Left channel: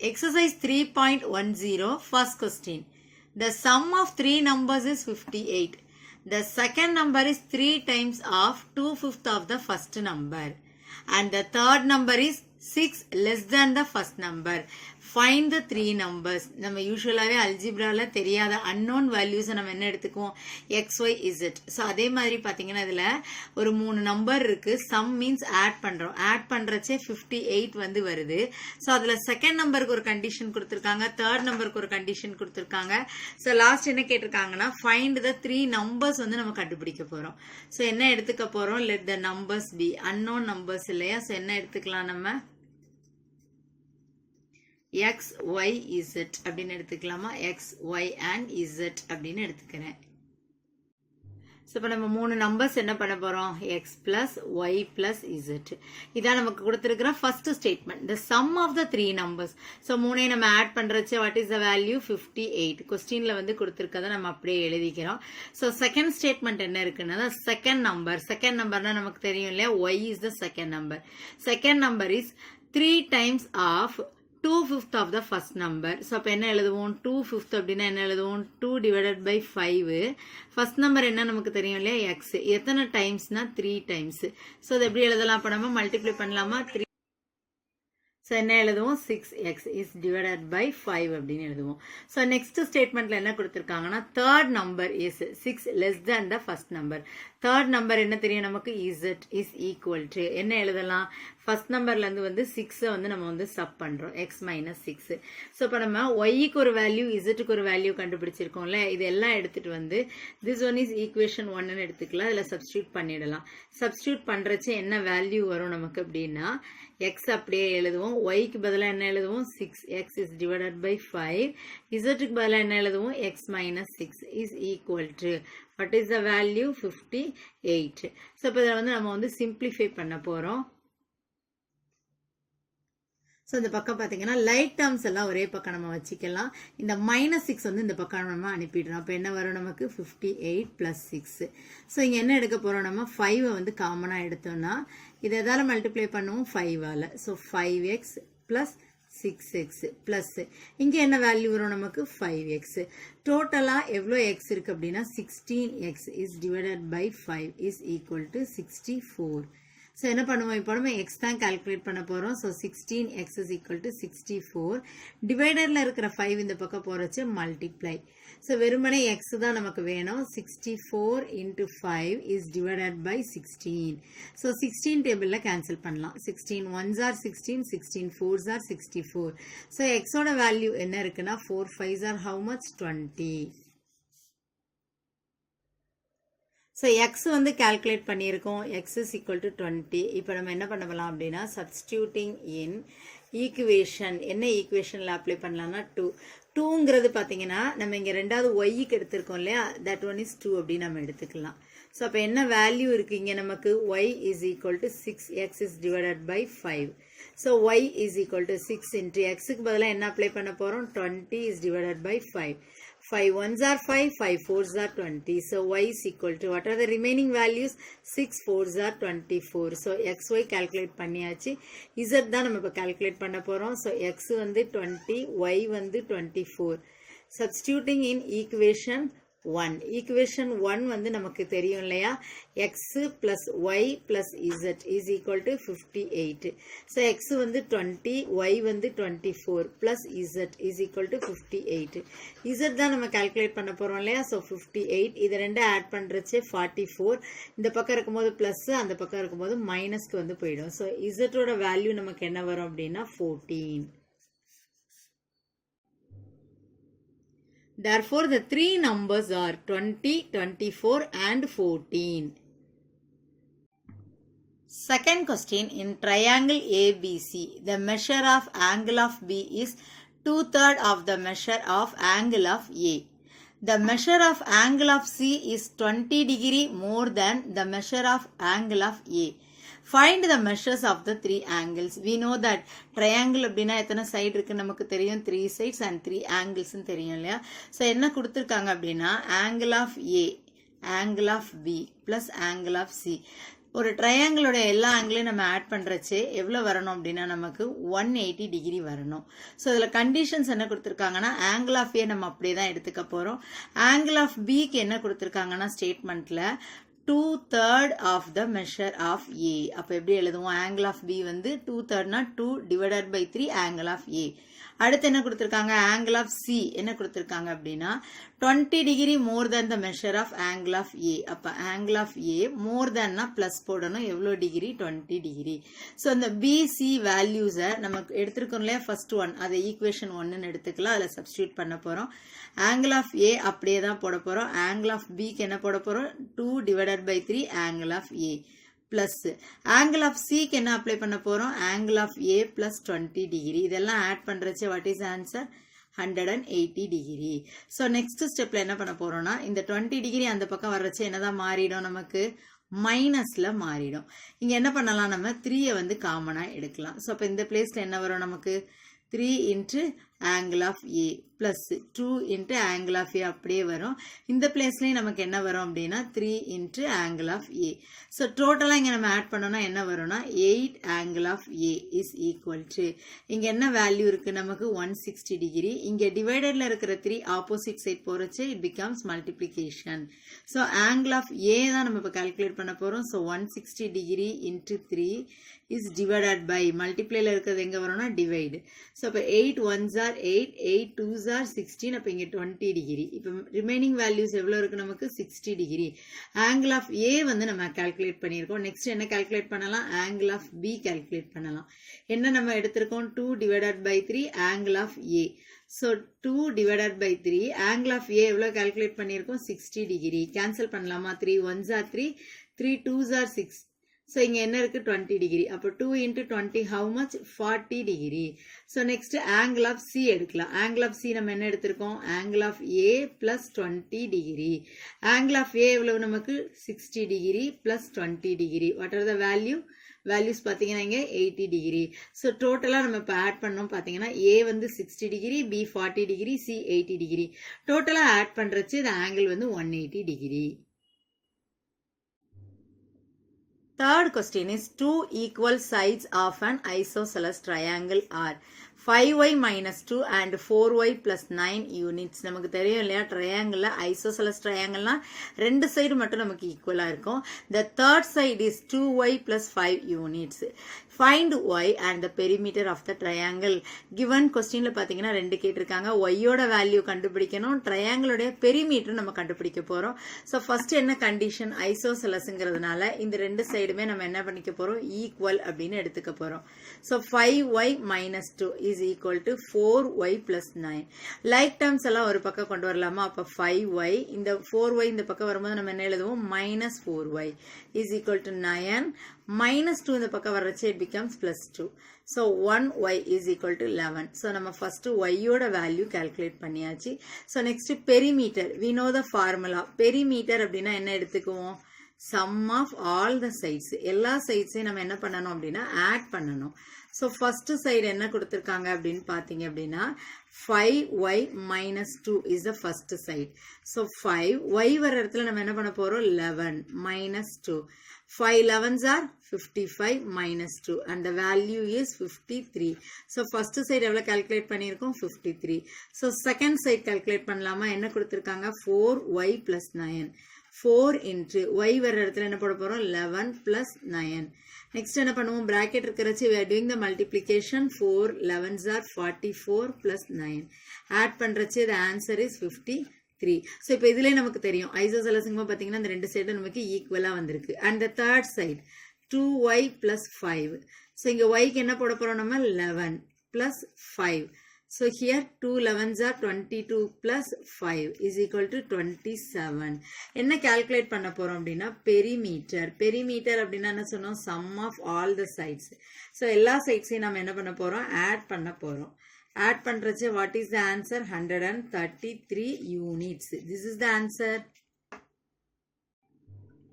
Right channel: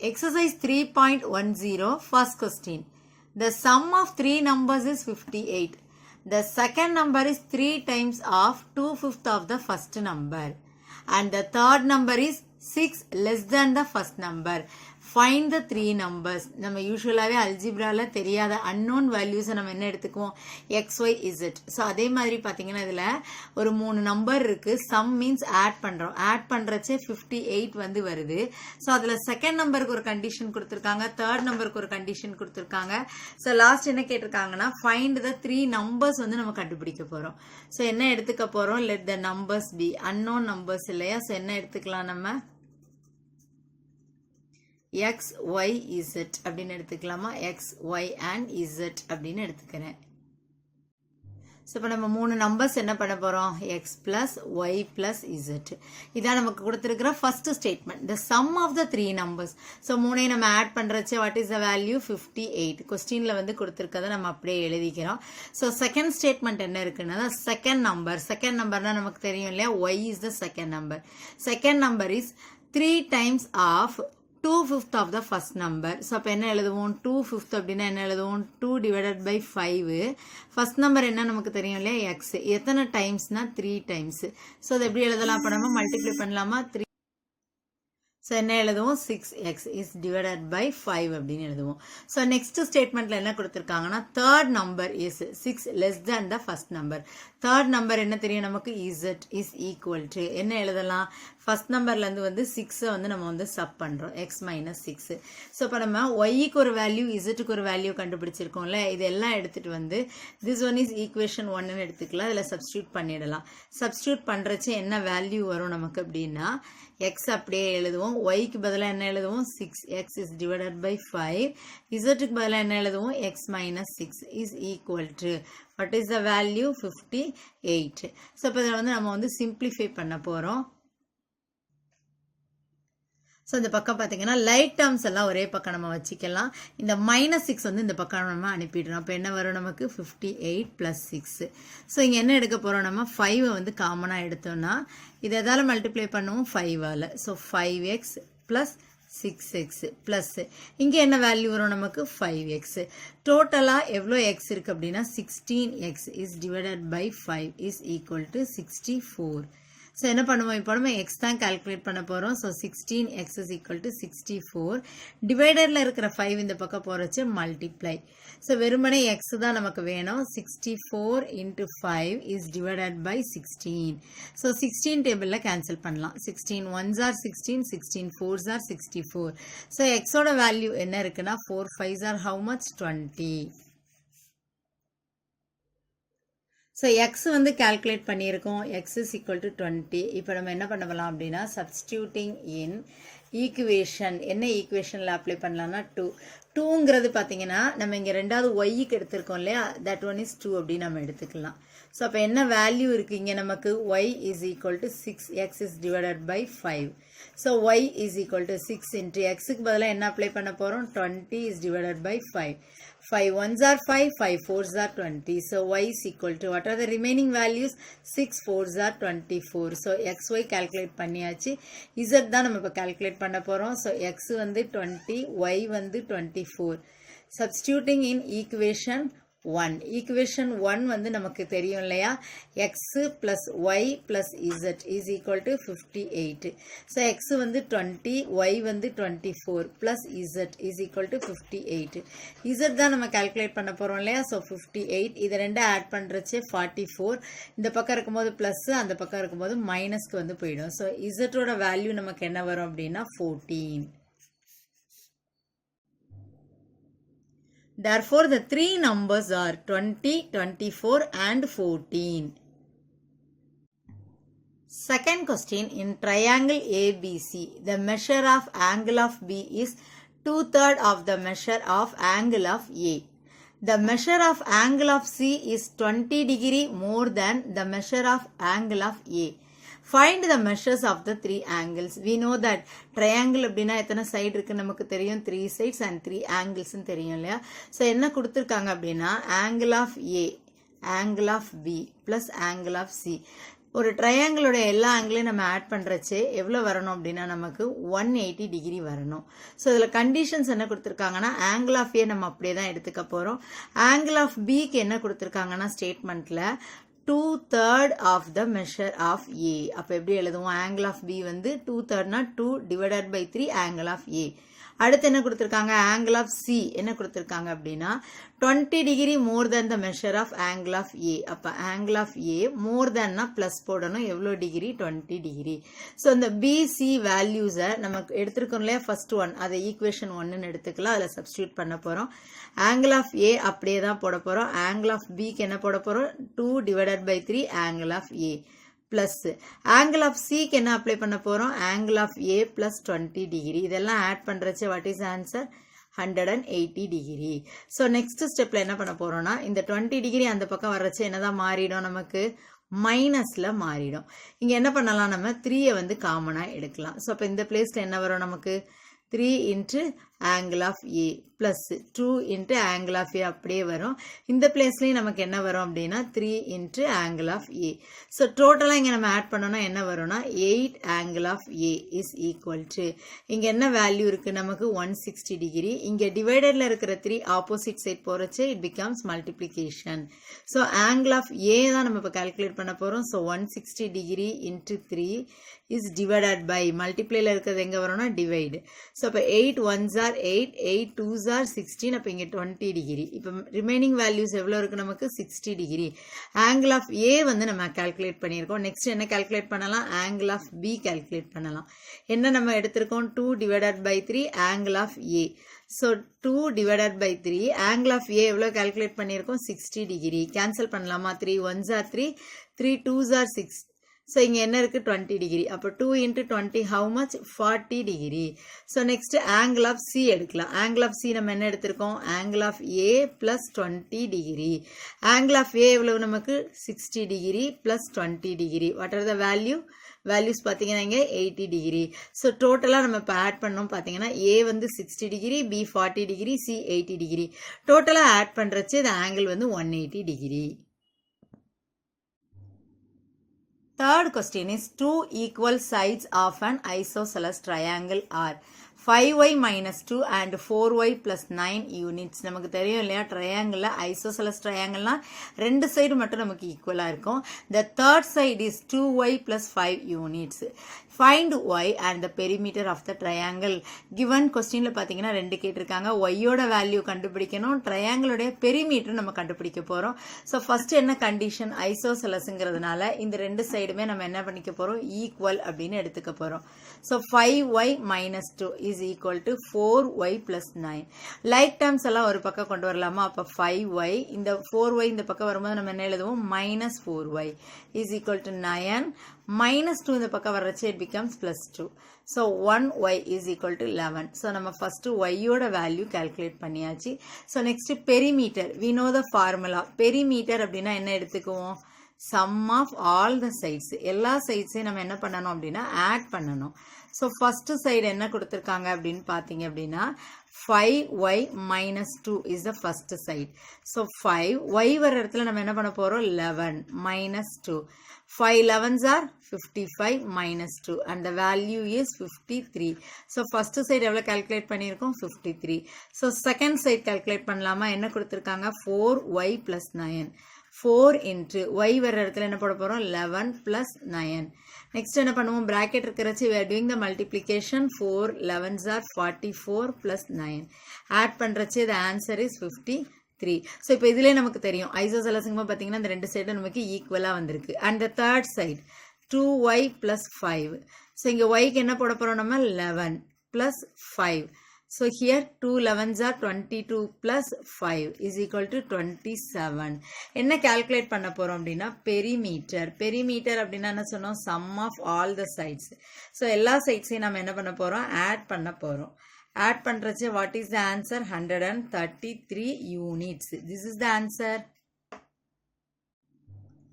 Exercise 3.10, first question. The sum of three numbers is 58. The second number is 3 times of 2/5 of the first number. And the third number is 6 less than the first number. Find the three numbers. நம்ம யூசுவலாகவே அல்ஜிப்ராவில் தெரியாத unknown வேல்யூஸை நம்ம என்ன எடுத்துக்குவோம், X Y Z. So அதே மாதிரி பார்த்தீங்கன்னா இதில் ஒரு 3 நம்பர் இருக்குது. சம் மீன்ஸ் ஆட் பண்ணுறோம். ஆட் பண்ணுறச்சே 58 வந்து வருது. ஸோ அதில் செகண்ட் நம்பருக்கு ஒரு கண்டிஷன் கொடுத்துருக்காங்க, தேர்ட் நம்பருக்கு ஒரு கண்டிஷன் கொடுத்துருக்காங்க. ஸோ லாஸ்ட் என்ன கேட்டிருக்காங்கன்னா ஃபைண்ட் த த்ரீ நம்பர்ஸ் வந்து நம்ம கண்டுபிடிக்க போகிறோம். ஸோ என்ன எடுத்துக்க போகிறோம், let the numbers be unknown numbers இல்லையா. ஸோ என்ன எடுத்துக்கலாம், நம்ம x, y, z அப்படின்னு எடுத்துக்கலாமா. x, y and z அப்படின்னு எடுத்துக்கிறேன். ஸோ இப்போ நம்ம 3 நம்பர்ஸ் என்ன பண்ண போகிறோம், x plus y plus z. இதான் நமக்கு கொடுத்துருக்கிற first statement. The sum of the three numbers. So 3ஐயும் நம்ம ஆட் பண்ணுறச்சு வாட் இஸ் த வேல்யூ 58. கொஸ்டினில் வந்து கொடுத்துருக்கதை நம்ம அப்படியே எழுதிக்கிறோம். ஸோ செகண்ட் ஸ்டேட்மெண்ட் என்ன இருக்குன்னா செகண்ட் நம்பர்னா நமக்கு தெரியும் இல்லையா, y is the second number. Second number is 3 times of 2/5 of the first number. So அப்போ என்ன எழுதுவோம், 2/5 அப்படின்னா என்ன எழுதுவோம், 2 divided by 5. ஃபர்ஸ்ட் நம்பர் என்ன நமக்கு தெரியும் இல்லையா, எக்ஸ். எத்தனை டைம்ஸ்னா 3 டைம்ஸ். ஸோ அது எப்படி எழுதலாம், அப்போ நம்ம மல்டிப்ளை பண்ணலாமா, 3. ஸோ என்ன எழுதுவோம், 6x இஸ் டிவைடட் பை 5 அப்படின்னு எழுதுவோம். ஸோ நெக்ஸ்ட் ஸ்டேட்மெண்ட்ல என்ன கொடுத்துருக்காங்கன்னா third number is 6 less than the first number. Third number என்ன தெரியும் நமக்கு, z இஸ் ஈக்குவல் டு என்ன எழுதலாம், ஃபர்ஸ்ட் நம்பர்லேருந்து வந்து 6 வந்து நம்ம வந்து சப் பண்ணுறோம், x மைனஸ் 6. ஸோ இப்போ நம்ம ஒய்க்கு ஒரு வேல்யூ இசட்டுக்கு ஒரு வேல்யூ கண்டுபிடிச்சிருக்கோம்ல, இதெல்லாம் எடுத்துகிட்டு வந்து திஸ் ஒன் இஸ் ஈக்குவேஷன் 1ன்னு எடுத்துக்கலாம். இதில் சப்ஸ்டியூட் பண்ணிடலாம். சப்ஸ்டியூட் பண்ணுறச்சு என்ன வேல்யூ வரும் நமக்கு அப்படின்னா, x அப்படியே எழுதுவோம், ஒய்க்கு பதிலாக என்ன எழுதுவோம், 6x இஸ் டிவைடட் பை 5. இசட்டுக்கு பதிலாக என்ன எழுதுவோம், x minus 6 is equal to what is the value 58. So இப்போ இதை வந்து நம்ம வந்து சிம்பிளிஃபை பண்ண போகிறோம். ஸோ இந்த பக்கம் பார்த்தீங்கன்னா லைட் டேர்ம்ஸ் எல்லாம் ஒரே பக்கம் நம்ம வச்சுக்கலாம். இந்த -6 வந்து இந்த பக்கம் நம்ம அனுப்பிடுறோம். அப்போ என்ன வரும் நமக்கு 58 + 6. ஸோ இங்கே என்ன எடுக்க போகிறோம், நம்ம 5 வந்து காமனாக எடுத்தோம்னா இதை எதால் மல்டிப்ளை பண்ணுவோம், 5ஆல். ஸோ 5x + 6x ப்ளஸ் இங்கே என்ன வேல்யூ வரும் நமக்கு 5x. டோட்டலாக எவ்வளோ எக்ஸ் இருக்குது அப்படின்னா 16x is divided by 5 is equal to 64. So என்ன பண்ணுவோம், இப்போ நம்ம எக்ஸ் தான் கால்குலேட் பண்ண போகிறோம். So 16x is equal to 64. டிவைடரில் இருக்கிற 5 இந்த பக்கம் போகிறச்சு மல்டிப்ளை. ஸோ வெறுமனே எக்ஸ் தான் நமக்கு வேணும். 64 × 5 இஸ் டிவைடட் பை 16. ஸோ 16 டேபிளில் கேன்சல் பண்ணலாம். 16 1s are 16, 16 4s are 64. So எக்ஸோட வேல்யூ என்ன இருக்குன்னா 4 5s are how much 20. So X வந்து கால்குலேட் பண்ணியிருக்கோம், எக்ஸ் இஸ் ஈக்குவல் டு 20. இப்போ நம்ம என்ன பண்ணலாம் அப்படின்னா சப்ஸ்டியூட்டிங் இன் ஈக்குவேஷன், என்ன ஈக்குவேஷனில் அப்ளை பண்ணலாம்னா 2ங்கிறது பார்த்தீங்கன்னா நம்ம இங்கே ரெண்டாவது ஒய்க்கு எடுத்திருக்கோம் இல்லையா, தட் ஒன் இஸ் 2 அப்படின்னு நம்ம எடுத்துக்கலாம். ஸோ அப்போ என்ன வேல்யூ இருக்குது இங்கே நமக்கு, y is equal to 6x is divided by 5. So y is equal to 6 × எக்ஸுக்கு பதிலாக என்ன அப்ளை பண்ண போகிறோம், 20 is divided by 5. 5 1s are 5, 5 4s are 20. So y is equal to what are the remaining values, 6 4s are 24. So xy calculate பண்ணியாச்சு. z தான் நம்ம இப்போ calculate பண்ண போகிறோம். So x வந்து 20, y வந்து 24. Substituting in equation 1. ஈக்குவேஷன் 1 வந்து நமக்கு தெரியும் இல்லையா, x + y + z is equal to 58. So x வந்து 20, y வந்து 24 + z is equal to 58. z தான் நம்ம கால்குலேட் பண்ண போகிறோம் இல்லையா. ஸோ 58 இதை ரெண்டு ஆட் பண்ணுறச்சு 44. இந்த பக்கம் இருக்கும்போது ப்ளஸ், அந்த பக்கம் இருக்கும்போது மைனஸ்க்கு வந்து போயிடும். ஸோ இசட்டோட வேல்யூ நமக்கு என்ன வரும் அப்படின்னா 14. Therefore, the three numbers are 20, 24 and 14. Second question, in triangle ABC, the measure of angle of B is 2/3 of the measure of angle of A. The measure of angle of C is 20 degree more than the measure of angle of A. Find the measures of the three angles. We know that triangle அப்படின்னா எத்தனை side இருக்குன்னு நமக்கு தெரியும், 3 sides and 3 angles தெரியும் இல்லையா. So என்ன கொடுத்துருக்காங்க அப்படின்னா angle of A angle of B plus angle of C. ஒரு ட்ரையாங்கிளோட எல்லா ஆங்கிளையும் நம்ம ஆட் பண்ணுறச்சே எவ்வளோ வரணும் அப்படின்னா நமக்கு 180 டிகிரி வரணும். ஸோ இதில் கண்டிஷன்ஸ் என்ன கொடுத்துருக்காங்கன்னா ஆங்கிள் ஆஃப் ஏ நம்ம அப்படியே தான் எடுத்துக்க போகிறோம். ஆங்கிள் ஆஃப் பிக்கு என்ன கொடுத்துருக்காங்கன்னா ஸ்டேட்மெண்ட்டில் 2/3 of the measure of A. அப்போ எப்படி எழுதுவோம்? ஆங்கிள் ஆஃப் பி வந்து 2/3 2 divided by 3 ஆங்கிள் ஆஃப் ஏ. அடுத்து என்ன கொடுத்துருக்காங்க? ஆங்கிள் ஆஃப் சி என்ன கொடுத்துருக்காங்க அப்படின்னா 20 degree more than the measure of angle of A. அப்போ ஆங்கிள் ஆஃப் ஏ மோர் தேன்னா ப்ளஸ் போடணும். எவ்வளோ டிகிரி? 20 டிகிரி. ஸோ இந்த பிசி வேல்யூஸை நமக்கு எடுத்துருக்கோம் இல்லையா ஃபர்ஸ்ட் ஒன், அதை ஈக்குவேஷன் 1ன்னு எடுத்துக்கலாம். அதில் சப்ஸ்டியூட் பண்ண போகிறோம். ஆங்கிள் ஆஃப் ஏ அப்படியே தான் போட போகிறோம். ஆங்கிள் ஆஃப் பிக்கு என்ன போட போகிறோம்? 2 divided by 3 angle of A plus angle of C க்கு என்ன அப்ளை பண்ண போறோம்? angle of A plus 20 degree. இதெல்லாம் ஆட் பண்றச்சே what is answer? 180 degree. So next stepல என்ன பண்ண போறோம்னா இந்த 20 degree அந்த பக்கம் வர்றச்சே என்னதான் மாறிடும்? நமக்கு மைனஸ்ல மாறிடும். இங்க என்ன பண்ணலாம்? நம்ம 3 வந்து காமனா எடுக்கலாம். ஸோ அப்போ இந்த பிளேஸ்ல என்ன வரும்? நமக்கு 3 into angle of A plus 2 into angle of A அப்படியே வரும். இந்த பிளேஸ்லயும் நமக்கு என்ன வரும் அப்படின்னா 3 into angle of A. So டோட்டலாக இங்கே நம்ம ஆட் பண்ணோம்னா என்ன வரும்னா 8 angle of A is equal to இங்கே என்ன வேல்யூ இருக்கு? நமக்கு 160 டிகிரி. இங்கே டிவைடர்ல இருக்கிற 3 ஆப்போசிட் சைட் போறச்சு it becomes multiplication. So angle of A தான் நம்ம இப்போ கால்குலேட் பண்ண போறோம். So 160 degree into 3 is divided by மல்டிப்ளைல இருக்கிறது எங்க வரும்னா டிவைடு. ஸோ அப்போ 8 1s are 8, 8 2s are 16. அப்போ இங்கே 20 டிகிரி. இப்போ ரிமைனிங் வேல்யூஸ் எவ்வளோ இருக்கு? நமக்கு 60 டிகிரி. ஆங்கிள் ஆஃப் ஏ வந்து நம்ம கால்குலேட் பண்ணியிருக்கோம். நெக்ஸ்ட் என்ன கால்குலேட் பண்ணலாம்? ஆங்கிள் ஆஃப் பி கால்குலேட் பண்ணலாம். என்ன நம்ம எடுத்திருக்கோம்? 2 divided by 3 angle of A. So 2 divided by 3 angle of A எவ்வளோ கால்குலேட் பண்ணியிருக்கோம்? 60 டிகிரி. கேன்சல் பண்ணலாமா? 3 1s are 3, 3 2s are 6. So இங்கே என்ன இருக்குது? 20 டிகிரி. அப்போ 2 into 20 how much? 40 degree. So next angle of C எடுக்கலாம். ஆங்கிள் ஆஃப் சி நம்ம என்ன எடுத்திருக்கோம்? Angle of A plus 20 degree. Angle of A எவ்வளவு நமக்கு? 60 degree plus 20 degree. What are the values பார்த்தீங்கன்னா இங்கே 80 டிகிரி. ஸோ டோட்டலாக நம்ம இப்போ ஆட் பண்ணோம் பார்த்தீங்கன்னா ஏ வந்து 60 degree, B 40 degree, C 80 degree. டோட்டலாக ஆட் பண்ணுறச்சு இந்த ஆங்கிள் வந்து 180 degree. Third question is two equal sides of an isosceles triangle are 5y minus 2 and 4y plus 9 units. நமக்கு தெரியும் இல்லையா ட்ரையாங்கிள் ஐசோசெலஸ் ட்ரையாங்கிள்னா ரெண்டு சைடு மட்டும் நமக்கு ஈக்குவலாக இருக்கும். The third side is 2y plus 5 units. Find y and the perimeter of the triangle. Given questionல பார்த்தீங்கன்னா ரெண்டு கேட்டிருக்காங்க. yயோட வேல்யூ கண்டுபிடிக்கணும், ட்ரையாங்கிளோடைய பெரிமீட்டர் நம்ம கண்டுபிடிக்க போகிறோம். ஸோ ஃபர்ஸ்ட் என்ன கண்டிஷன்? ஐசோசெலஸ்ங்கிறதுனால இந்த ரெண்டு சைடுமே நம்ம என்ன பண்ணிக்க போகிறோம்? ஈக்குவல் அப்படின்னு எடுத்துக்க போகிறோம். So 5y minus 2 is equal to 4y plus 9. Like terms எல்லாம் ஒரு பக்கம் கொண்டு வரலாமா? அப்போ 5y இந்த 4y இந்த பக்கம் வரும்போது நம்ம என்ன எழுதுவோம்? minus 4y is equal to 9. minus 2 இந்த பக்கம் வர்றச்சு it becomes plus 2. So 1y is equal to 11. So நம்ம first yயோட வேல்யூ calculate பண்ணியாச்சு. So next perimeter. We know the formula. Perimeter அப்படின்னா என்ன எடுத்துக்குவோம்? sum of all the sides. எல்லா சைட்ஸையும் நம்ம என்ன பண்ணணும் அப்படின்னா ஆட் பண்ணணும். ஸோ ஃபர்ஸ்ட் சைடு என்ன கொடுத்துருக்காங்க அப்படின்னு பார்த்தீங்க அப்படின்னா 5y minus 2 is the first side. So 5y வர இடத்துல நம்ம என்ன பண்ண போகிறோம்? 11 minus 2. 5 11s are 55 minus 2 and the value is 53. So first side எவ்வளவு calculate பண்ணியிருக்கோம்? 53. So second side calculate பண்ணலாமா? என்ன கொடுத்திருக்காங்க? 4y plus 9. 4 into y வர இடத்துல என்ன போட போறோம்? 11 plus 9. Next என்ன பண்ணுவோம்? bracket இருக்கிறச்சு we are doing the multiplication. 4 11s are 44 plus 9. add பண்றச்சு the answer is 53. So இப்போ இதுலேயே நமக்கு தெரியும் ஐசோசெலஸுங்க பார்த்தீங்கன்னா இந்த ரெண்டு சைடும் நமக்கு ஈக்குவலாக வந்திருக்கு. And the third side 2y plus 5. So இங்கே yக்கு என்ன போட போகிறோம்? நம்ம 11 plus 5. So here 2 11s are 22 plus 5 is equal to 27. என்ன கால்குலேட் பண்ண போகிறோம் அப்படின்னா பெரிமீட்டர். பெரிமீட்டர் அப்படின்னா என்ன சொன்னோம்? Sum of all the sides. So எல்லா சைட்ஸையும் நம்ம என்ன பண்ண போகிறோம்? ஆட் பண்ண போகிறோம். add பண்றச்சே what is the answer? 133 units. This is the answer.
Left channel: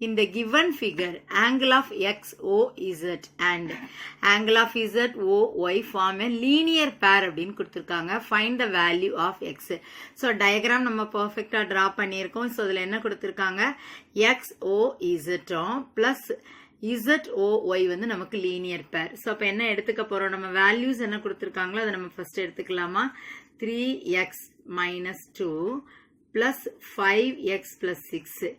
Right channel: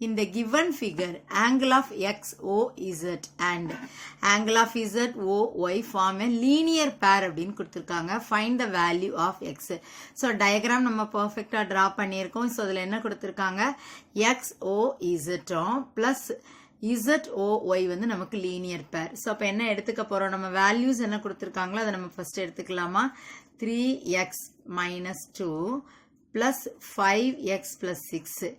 in the given figure, angle of x, o, z and angle of z, o, y form a linear pair அப்படின்னு கொடுத்திருக்காங்க. Find the value of x. So diagram நம்ம perfectா draw பண்ணியிருக்கோம். So இதுல என்ன கொடுத்திருக்காங்க? x, o, z plus z, o, y வந்து நமக்கு linear pair. So அப்ப என்ன எடுத்துக்க போறோம்? நம்ம values என்ன கொடுத்திருக்காங்களோ அதை நம்ம first எடுத்துக்கலாமா? 3x minus 2 plus 5x plus 6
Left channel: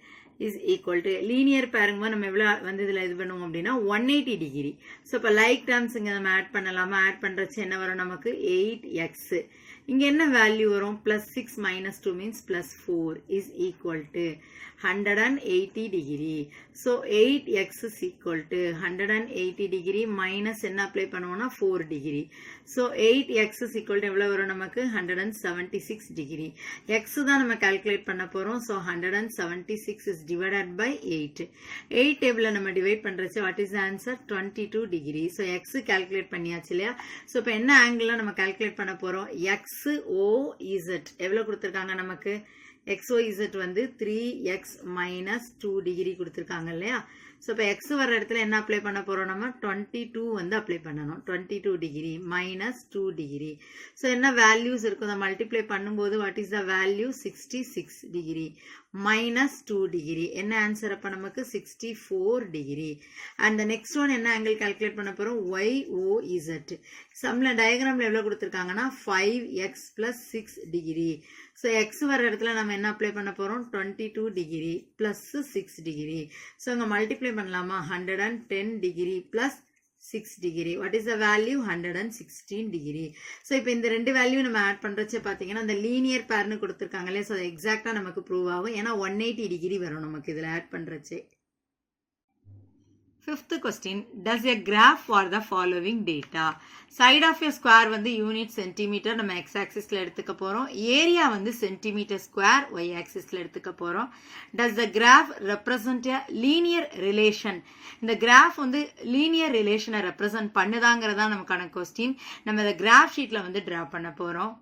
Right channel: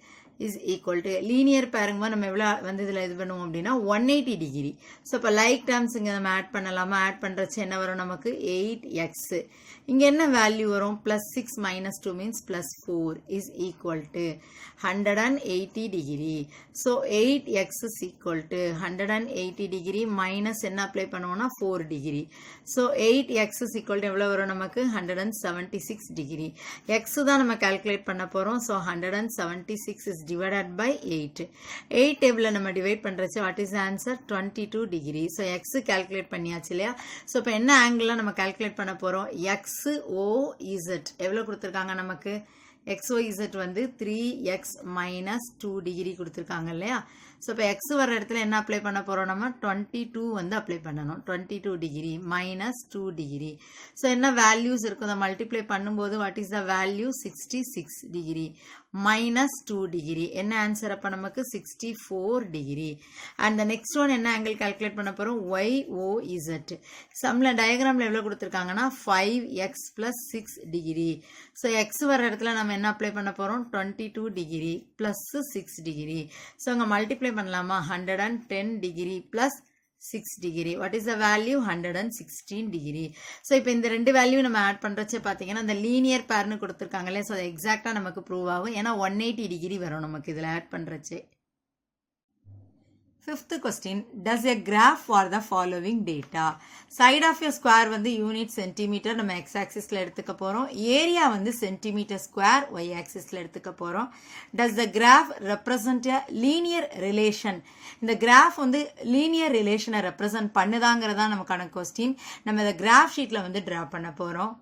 is equal to linear pairங்க நம்ம எவ்வளவு வந்து இதுல இது பண்ணுவோம் அப்படின்னா 180 டிகிரி. ஸோ இப்போ லைக் டேர்ம்ஸ் இங்கே நம்ம ஆட் பண்ணலாமா? ஆட் பண்ணுறச்சு என்ன வரும் நமக்கு? 8x. இங்கே என்ன வேல்யூ வரும்? Plus 6 minus 2 means plus 4 is equal to 180 degree. So 8x is equal to 180 degree minus என்ன அப்ளை பண்ணுவோம்னா 4 degree. So 8x is equal to எவ்வளோ வரும் நமக்கு? 176 டிகிரி. x தான் நம்ம கால்குலேட் பண்ண போகிறோம். So 176 is divided by 8. 8 டேபிளில் நம்ம டிவைட் பண்ணுறச்சு what is answer? 22 degree. So X calculate பண்ணியாச்சு இல்லையா? ஸோ இப்போ என்ன ஆங்கிள்லாம் நம்ம கால்குலேட் பண்ண போகிறோம்? எக்ஸ் ஓ இசட் எவ்வளோ கொடுத்துருக்காங்க நமக்கு? எக்ஸ் ஓ இசட் வந்து 3x minus 2 டிகிரி கொடுத்துருக்காங்க இல்லையா? ஸோ இப்போ எக்ஸ் வர இடத்துல என்ன அப்ளை பண்ண போகிறோம்? நம்ம 22 வந்து அப்ளை பண்ணணும். 22 டிகிரி மைனஸ் 2 டிகிரி. ஸோ என்ன வேல்யூஸ் இருக்கும்? அதை மல்டிப்ளை பண்ணும்போது what is the value? 66 degree minus 2 degree. என்ன ஆன்சர் அப்போ நமக்கு? 64 degree. And the next one என்ன ஆங்கிள் கால்குலேட் பண்ண போகிறோம்? YOZ. சம்மில் டயக்ராமில் எவ்வளோ கொடுத்துருக்காங்கன்னா 5x plus 6 degree. So X வர இடத்துல நம்ம என்ன அப்ளை பண்ண போகிறோம்? 22 டிகிரி ப்ளஸ் 6 டிகிரி. ஸோ அங்கே மல்டிப்ளை பண்ணலாமா? 110 degree plus 6 degree. What is the value? 116 degree. So இப்போ இந்த ரெண்டு வேல்யூ நம்ம ஆட் பண்ணுறச்சே பார்த்தீங்கன்னா இந்த லீனியர் பேர்னு கொடுத்துருக்காங்களே, ஸோ அது எக்ஸாக்டாக நமக்கு ப்ரூவ் ஆகும். ஏன்னா 180 டிகிரி வரும் நமக்கு இதில் add பண்ணுறச்சே. Fifth question, does a graph for the following data? Side of a square வந்து யூனிட் சென்டிமீட்டர் நம்ம x axisல எடுத்துக்க போறோம். ஏரியா வந்து சென்டிமீட்டர் ஸ்கொயர் y axisல எடுத்துக்க போறோம். Does the graph represent a linear relation? இந்த graph வந்து linear relation represent பண்ணுதாங்கிறதா நமக்கான கொஸ்டின். நம்ம இந்த graph sheetல வந்து draw பண்ண போறோம்.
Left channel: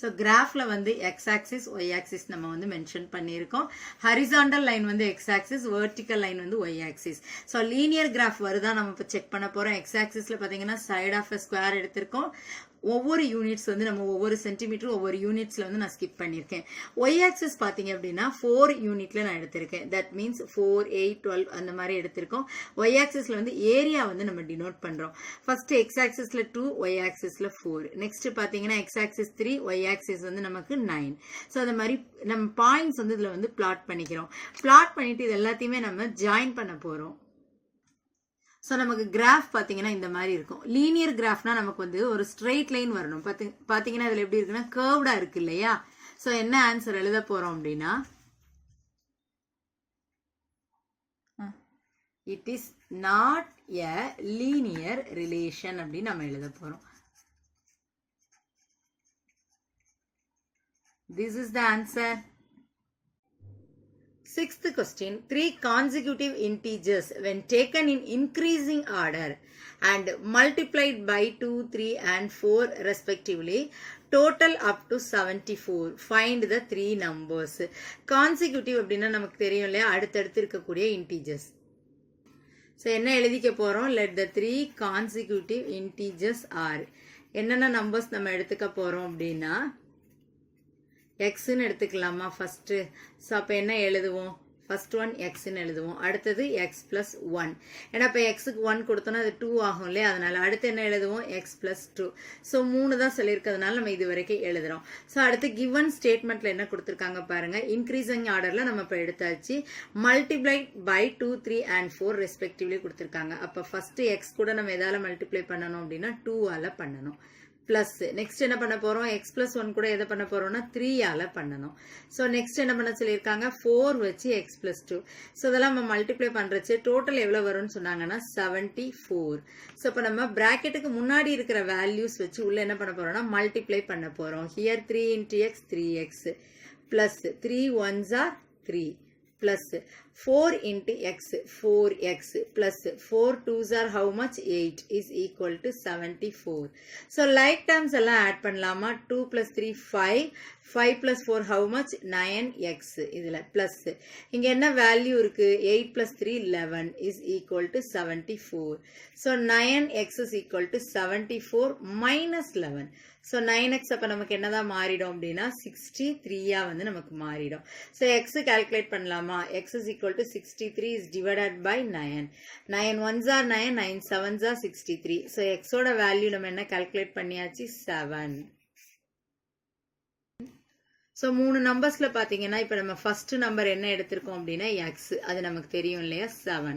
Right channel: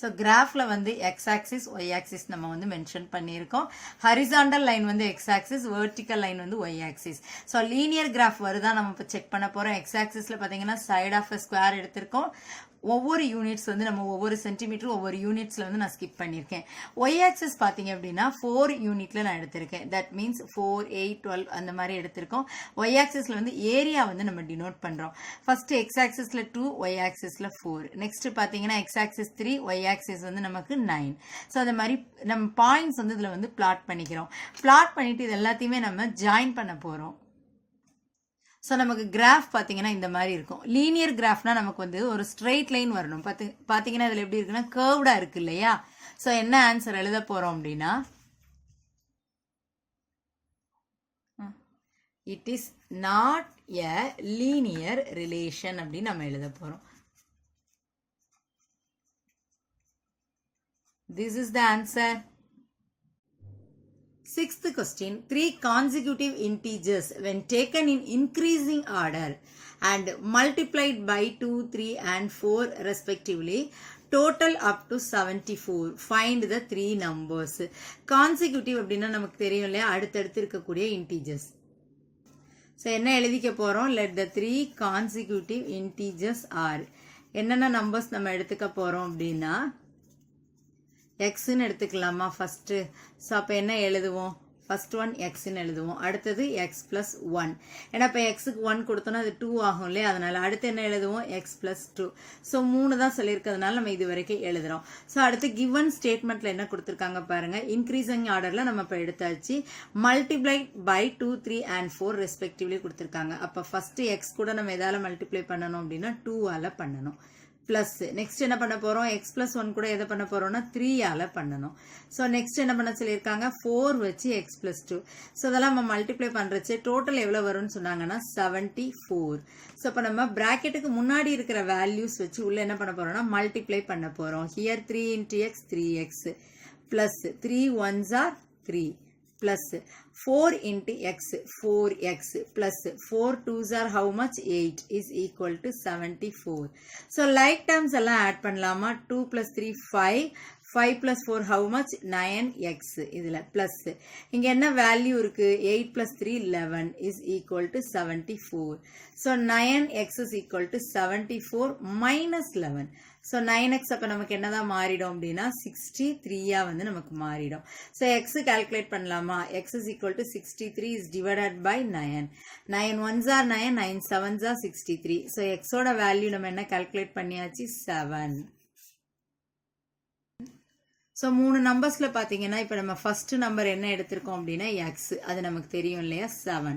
ஸோ கிராஃபில் வந்து எக்ஸ் ஆக்சிஸ் ஒய் ஆக்சிஸ் நம்ம வந்து மென்ஷன் பண்ணியிருக்கோம். ஹரிசாண்டல் லைன் வந்து எக்ஸ் ஆக்சிஸ், வெர்டிக்கல் லைன் வந்து y axis. So linear graph வருதா நம்ம இப்போ செக் பண்ண போகிறோம். எக்ஸ் ஆக்சிஸில் பார்த்தீங்கன்னா சைட் ஆஃப் எ ஸ்கொயர் எடுத்திருக்கோம். ஒவ்வொரு யூனிட்ஸ் வந்து நம்ம ஒவ்வொரு சென்டிமீட்டர் ஒவ்வொரு யூனிட்ஸ்ல வந்து நான் ஸ்கிப் பண்ணியிருக்கேன். ஒய் ஆக்சிஸ் பார்த்தீங்க அப்படின்னா 4 யூனிட்ல நான் எடுத்திருக்கேன். தட் மீன்ஸ் 4, 8, 12 அந்த மாதிரி எடுத்திருக்கோம். ஒய் ஆக்சிஸ்ல வந்து ஏரியா வந்து நம்ம டினோட் பண்றோம். ஃபர்ஸ்ட் எக்ஸ் ஆக்சிஸ்ல 2, ஒய் ஆக்சிஸ்ல 4. நெக்ஸ்ட் பார்த்தீங்கன்னா எக்ஸ் ஆக்சிஸ் 3, ஒய் ஆக்சிஸ் வந்து நமக்கு 9. ஸோ அந்த மாதிரி நம்ம பாயிண்ட்ஸ் வந்து இதுல வந்து பிளாட் பண்ணிக்கிறோம். பிளாட் பண்ணிட்டு இது எல்லாத்தையுமே நம்ம ஜாயின் பண்ண போறோம். ஸோ நமக்கு கிராஃப் பார்த்தீங்கன்னா இந்த மாதிரி இருக்கும். லீனியர் கிராஃப்னா நமக்கு வந்து ஒரு ஸ்ட்ரெயிட் லைன் வரணும். பார்த்தீங்கன்னா இதில் எப்படி இருக்குன்னா கர்வ்டா இருக்கு இல்லையா? ஸோ என்ன ஆன்சர் எழுத போறோம் அப்படின்னா it is not a linear relation அப்படின்னு நம்ம எழுத போறோம். This is the answer. Sixth question, 3 consecutive integers when taken in increasing order and multiplied by 2, 3 and 4 respectively total up to 74. Find the 3 numbers. Consecutive அப்படின்னா நமக்கு தெரியும் இல்லையா, அடுத்தடுத்து இருக்கக்கூடிய integers. ஸோ என்ன எழுதிக்க போகிறோம்? let the 3 consecutive integers are. என்னென்ன நம்பர்ஸ் நம்ம எடுத்துக்க போகிறோம் அப்படின்னா எக்ஸ்ன்னு எடுத்துக்கலாமா ஃபர்ஸ்ட்? ஸோ அப்போ என்ன எழுதுவோம்? ஃபர்ஸ்ட் ஒன் எக்ஸ்ன்னு எழுதுவோம். அடுத்தது எக்ஸ் பிளஸ் 1. ஏன்னா இப்போ எக்ஸுக்கு 1 கொடுத்தோன்னா அது 2 ஆகும் இல்லையா? அதனால அடுத்து என்ன எழுதுவோம்? X plus 2. ஸோ 3 தான் சொல்லியிருக்கிறதுனால நம்ம இது வரைக்கும் எழுதுறோம். ஸோ அடுத்து கிவன் ஸ்டேட்மெண்ட்ல என்ன கொடுத்துருக்காங்க பாருங்க. இன்க்ரீசிங் ஆர்டர்ல நம்ம இப்போ எடுத்தாச்சு. மல்டிப்ளை பை 2, 3 and 4 ரெஸ்பெக்டிவ்லி கொடுத்துருக்காங்க. அப்போ ஃபர்ஸ்ட் எக்ஸ் கூட நம்ம எதால மல்டிப்ளை பண்ணணும் அப்படின்னா 2ஆல பண்ணணும். பிளஸ் நெக்ஸ்ட் என்ன பண்ண போறோம்? எக்ஸ் பிளஸ் 1 கூட எதை பண்ண போறோம்னா 3ஆல பண்ணணும். ஸோ நெக்ஸ்ட் என்ன பண்ண சொல்லியிருக்காங்க? 4 வச்சு எக்ஸ் பிளஸ் 2. ஸோ இதெல்லாம் நம்ம மல்டிப்ளை பண்றச்சு டோட்டல் எவ்வளவு வரும்னு சொன்னாங்கன்னா 74. ஸோ இப்போ நம்ம பிராக்கெட்டுக்கு முன்னாடி இருக்கிற வேல்யூஸ் வச்சு உள்ள என்ன பண்ண போறோம்னா மல்டிப்ளை பண்ண போறோம். Here 3 into x 3x plus 3 1s are 3 plus 4 into x 4x plus 4 2s are how much? 8 is equal to 74. So like terms எல்லாம் add பண்ணலாமா? 2 plus 3 5, 5 plus 4 how much? 9x. இதில் plus. இங்க என்ன வேல்யூ இருக்கு? 8 plus 3 11 is equal to 74. So 9x is equal to 74 minus 11. So 9x அப்ப நமக்கு என்னதான் மாறிடும் அப்படின்னா 63 வந்து நமக்கு மாறிடும். So x calculate பண்ணலாமா? x is equal to 63 is divided by 9. 9 ones are 9, 9 sevens are 63. So x ஓட வேல்யூ நம்ம என்ன calculate பண்ணியாச்சு? 7. ஸோ 3 நம்பர்ஸில் பார்த்தீங்கன்னா இப்போ நம்ம ஃபர்ஸ்ட் நம்பர் என்ன எடுத்திருக்கோம் அப்படின்னா எக்ஸ், அது நமக்கு தெரியும் இல்லையா 7.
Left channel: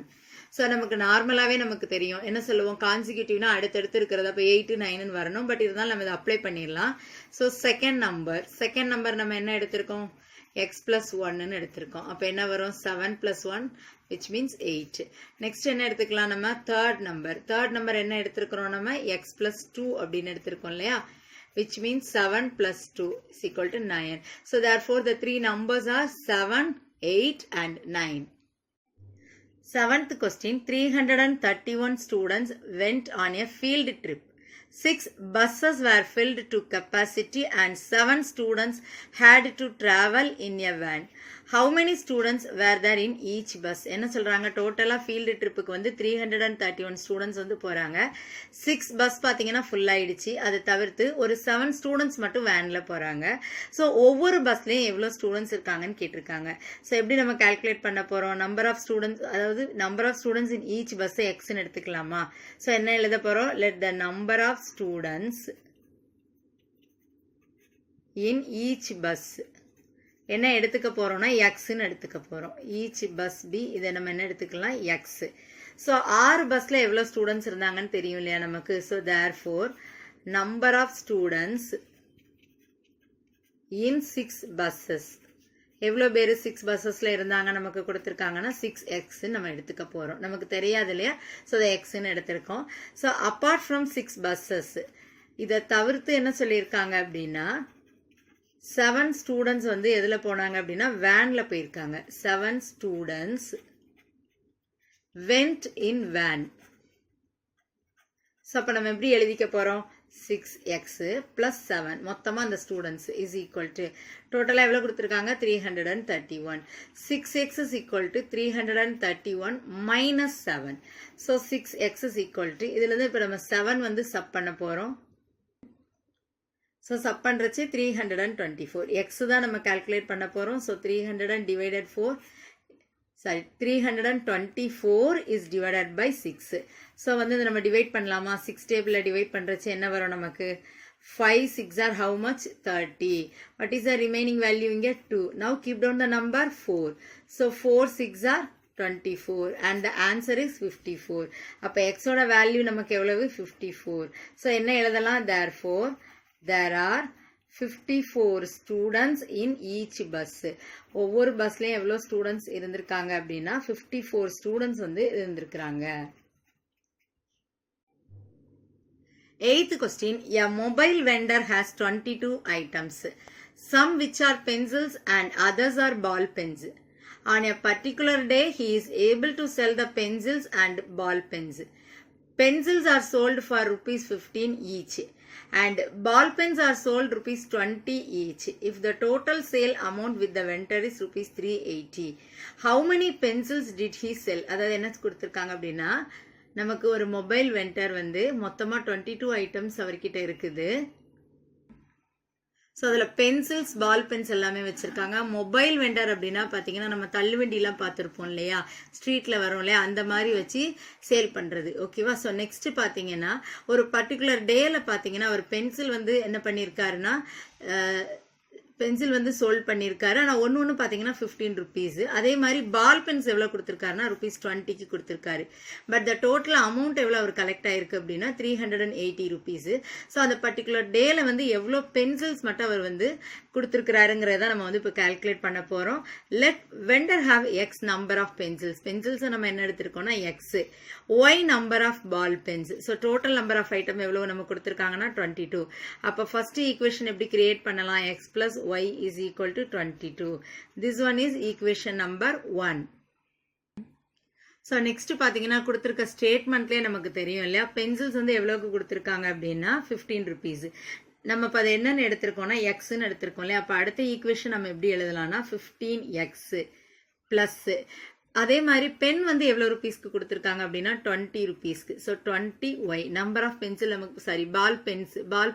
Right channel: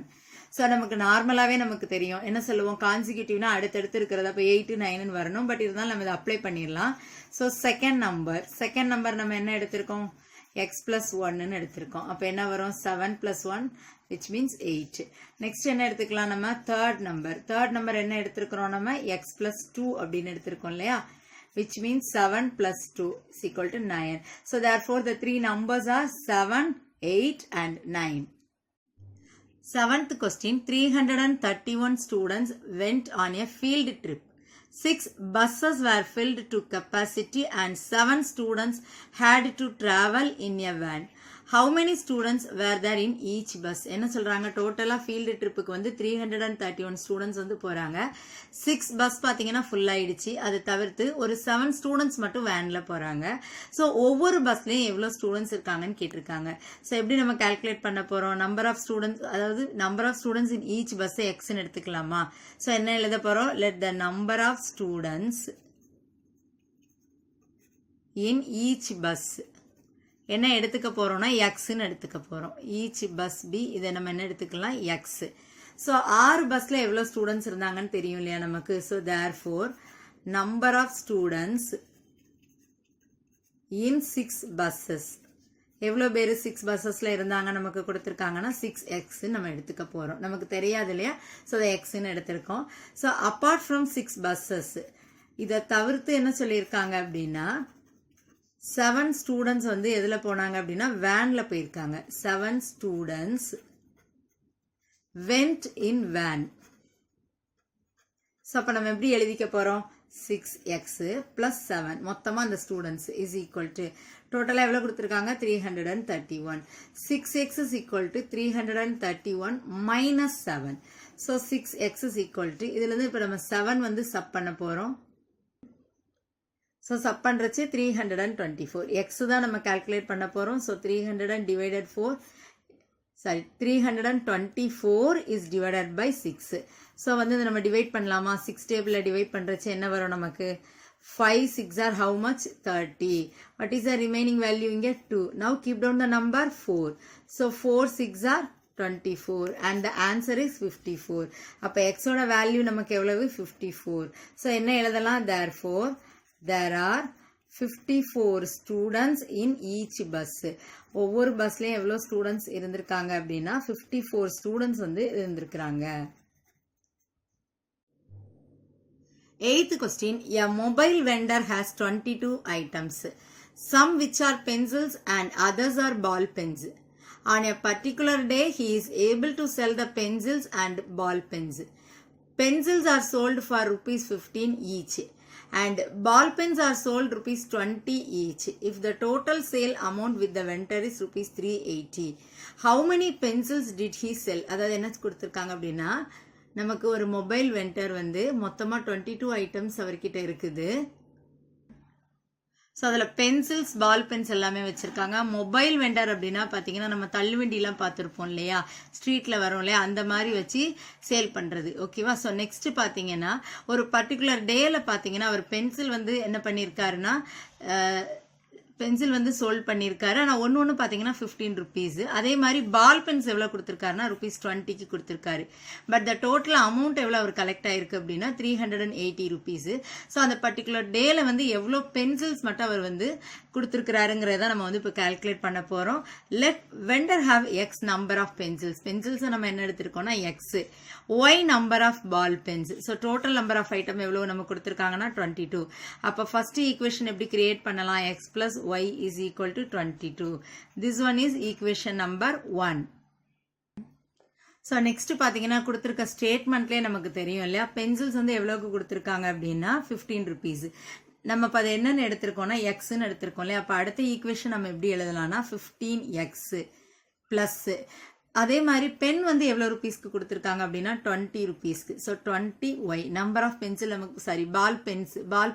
ஸோ நமக்கு நார்மலாகவே நமக்கு தெரியும் என்ன சொல்லுவோம், கான்சிக்யூட்டிவ்னா அடுத்தடுத்து இருக்கிறது, அப்போ 8 9ன்னு வரணும். பட் இருந்தாலும் நம்ம இதை அப்ளை பண்ணிடலாம். ஸோ செகண்ட் நம்பர் நம்ம என்ன எடுத்திருக்கோம்? எக்ஸ் ப்ளஸ் 1ன்னு எடுத்திருக்கோம். அப்போ என்ன வரும்? 7 + 1 which means 8. நெக்ஸ்ட் என்ன எடுத்துக்கலாம் நம்ம? தேர்ட் நம்பர் என்ன எடுத்திருக்கிறோம் நம்ம? எக்ஸ் ப்ளஸ் 2 அப்படின்னு எடுத்திருக்கோம் இல்லையா, which means 7 plus 2 is equal to 9. So therefore the three numbers are 7, 8 and 9. Seventh question, 331 students went on a field trip. 6 buses were filled to capacity and 7 students had to travel in a van. How many students were there in each bus? என்ன சொல்றாங்க? டோட்டலா field ட்ரிப்புக்கு வந்து 331 students வந்து போறாங்க. 6 bus பாத்தீங்கன்னா full ஆயிடுச்சு. அது தவிர்த்து ஒரு 7 ஸ்டூடெண்ட்ஸ் மட்டும் வேன்ல போறாங்க. ஸோ ஒவ்வொரு பஸ்லயும் எவ்வளவு ஸ்டூடெண்ட்ஸ் இருக்காங்கன்னு கேட்டிருக்காங்க. ஸோ எப்படி நம்ம கால்குலேட் பண்ண போறோம்? நம்பர் ஆஃப் ஸ்டூடெண்ட்ஸ், அதாவது number of students in each bus எக்ஸ்ன்னு எடுத்துக்கலாமா? ஸோ என்ன எழுத போறோம்? Let the number of students in each bus என்ன எடுத்துக்க போறோம்னா எக்ஸ்ன்னு எடுத்துக்க போறோம். ஈச் பஸ் பி, இதை நம்ம என்ன எடுத்துக்கலாம்? எக்ஸ். ஸோ 6 பஸ்ல எவ்வளவு ஸ்டூடெண்ட்ஸ் இருந்தாங்கன்னு தெரியும் இல்லையா நமக்கு. So therefore number of students in 6 buses, எவ்வளோ பேர் 6 பஸ்ஸஸ்ல இருந்தாங்க நமக்கு கொடுத்துருக்காங்கன்னா 6x நம்ம எடுத்துக்க போறோம். நமக்கு தெரியாது இல்லையா, ஸோ அதை எக்ஸ்ன்னு எடுத்திருக்கோம். ஸோ அப்பார்ட் ஃப்ரம் 6 buses, இதை தவிர்த்து என்ன சொல்லியிருக்காங்க அப்படின்னா 7 ஸ்டூடெண்ட்ஸ் வந்து எதுல போனாங்க அப்படின்னா வேன்ல போயிருக்காங்க. 7 students went in van. So அப்போ நம்ம எப்படி எழுதிக்க போறோம்? 6x plus 7 மொத்தமா அந்த ஸ்டூடெண்ட்ஸ் is equal to டோட்டலா எவ்வளவு கொடுத்திருக்காங்க? 331. 6x is equal to 331 minus 7. So 6x is equal to இதுல இருந்து இப்போ நம்ம 7 வந்து சப் பண்ண போறோம். So sub பண்ணுறச்சு 324. எக்ஸ் தான் நம்ம கால்குலேட் பண்ண போகிறோம். So 324 is divided by 6. So வந்து இதை நம்ம டிவைட் பண்ணலாமா? 6 டேபிளில் டிவைட் பண்ணுறச்சு என்ன வரும் நமக்கு? 5 6 are how much? 30. What is the remaining value இங்கே? 2. Now keep down the number 4. So 4 6 are 24 and the answer is 54. அப்போ எக்ஸோட வேல்யூ நமக்கு எவ்வளவு? 54. ஸோ என்ன எழுதலாம்? therefore there are 54 students in each bus. ஒவ்வொரு பஸ்லயும் எவ்வளவு ஸ்டூடெண்ட்ஸ் இருந்திருக்காங்க அப்படின்னா 54 ஸ்டூடெண்ட்ஸ் வந்து இருந்திருக்காங்க. 8th question, a mobile vendor has 22 items, some which are pencils and others are ball pens. On a particular day he is able to sell the pencils and ball pens. Pencils are sold for ₹15 each and ball pens are sold ₹20 each. If the total sale amount with the vendor is ₹380, how many pencils did he sell? அதாவது என்ன கொடுத்திருக்காங்க அப்படின்னா நமக்கு ஒரு mobile vendor வந்து மொத்தமா 22 items அவர்கிட்ட இருக்குது. ஸோ அதில் பென்சில்ஸ் பால் பென்ஸ் எல்லாமே வச்சுருக்காங்க. மொபைல் வெண்டர் அப்படின்னா பார்த்தீங்கன்னா நம்ம தள்ளுவண்டிலாம் பார்த்துருப்போம் இல்லையா, ஸ்ட்ரீட்டில் வரோம் இல்லையா, அந்த மாதிரி வச்சு சேல் பண்ணுறது. ஓகேவா? ஸோ நெக்ஸ்ட் பார்த்தீங்கன்னா ஒரு பர்டிகுலர் டேயில் பார்த்தீங்கன்னா ஒரு பென்சில் வந்து என்ன பண்ணியிருக்காருன்னா பென்சில் வந்து சோல்ட் பண்ணியிருக்காரு. ஆனால் ஒன்று பார்த்தீங்கன்னா ₹15. அதே மாதிரி பால் பென்ஸ் எவ்வளோ கொடுத்துருக்காருன்னா ₹20க்கு கொடுத்துருக்காரு. பட் த டோட்டல் அமௌண்ட் எவ்வளோ அவர் கலெக்ட் ஆயிருக்கு அப்படின்னா ₹380. ஸோ அந்த பர்டிகுலர் டேல வந்து எவ்வளோ பென்சில்ஸ் மட்டும் அவர் வந்து கொடுத்துருக்கிறாருங்கிறத நம்ம வந்து இப்போ கால்குலேட் பண்ண போகிறோம். Let vendor have X number of pencils. பென்சில்ஸை நம்ம என்ன எடுத்திருக்கோம்னா X, y number of ball pens. So total number of item எவ்வளோ நம்ம கொடுத்துருக்காங்கன்னா 22. அப்போ ஃபர்ஸ்ட் ஈக்குவேஷன் எப்படி கிரியேட் பண்ணலாம்? x plus y is equal to 22. This one is equation number 1. So next பார்த்தீங்கன்னா கொடுத்துருக்க ஸ்டேட்மெண்ட்லேயே நமக்கு தெரியும் இல்லையா, பென்சில்ஸ் வந்து எவ்வளோக்கு கொடுத்துருக்காங்க அப்படின்னா ₹15. நம்ம இப்போ அதை என்னன்னு எடுத்திருக்கோம்னா எக்ஸ்ன்னு எடுத்திருக்கோம் இல்லையா? அப்போ அடுத்த ஈக்குவேஷன் நம்ம எப்படி எழுதலாம்னா 15x ப்ளஸ் அதே மாதிரி பென் வந்து எவ்வளோ ருபீஸ்க்கு கொடுத்துருக்காங்க அப்படின்னா 20 ருபீஸ்க்கு. So 20y number of pencil நமக்கு சாரி பால்